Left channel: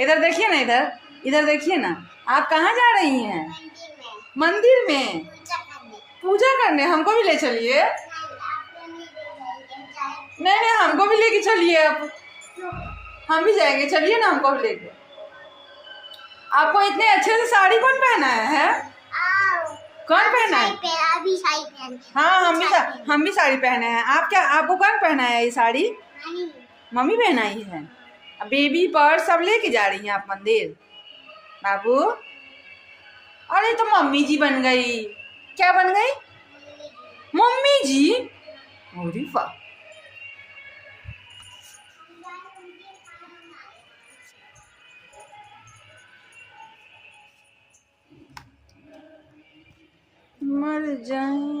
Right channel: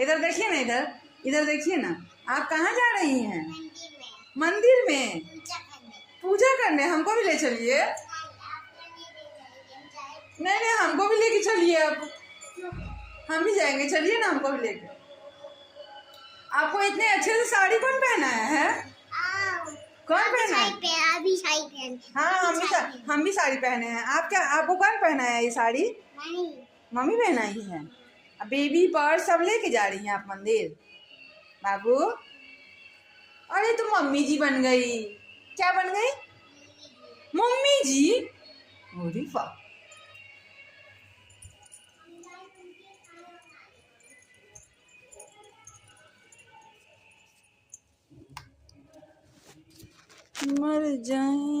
इधर देखिए ना, इधर इधर देखिए ना। आप कहाँ जा रही हैं? मंदिर में पूजा करने। हमको भी ले चलिए। नहीं नहीं, हमको भी लेके चलिए आप। हम भी जाएंगे, चलिए ना, हमको भी लेके। आपको इतने अच्छे से साड़ी कौन पहनाया है? कौन पहना है? हाँ, हम भी साड़ी पहने हैं। आप क्या, आपको कौन पहनाया है ये साड़ी? मम्मी पहनाई है। बेबी पर्स सब लेके जा रही हैं आप मंदिर? बाबू, अरे तो मम्मी जी बन गई। क्या बन गई? मम्मी जी। अरे वाह। मर जाए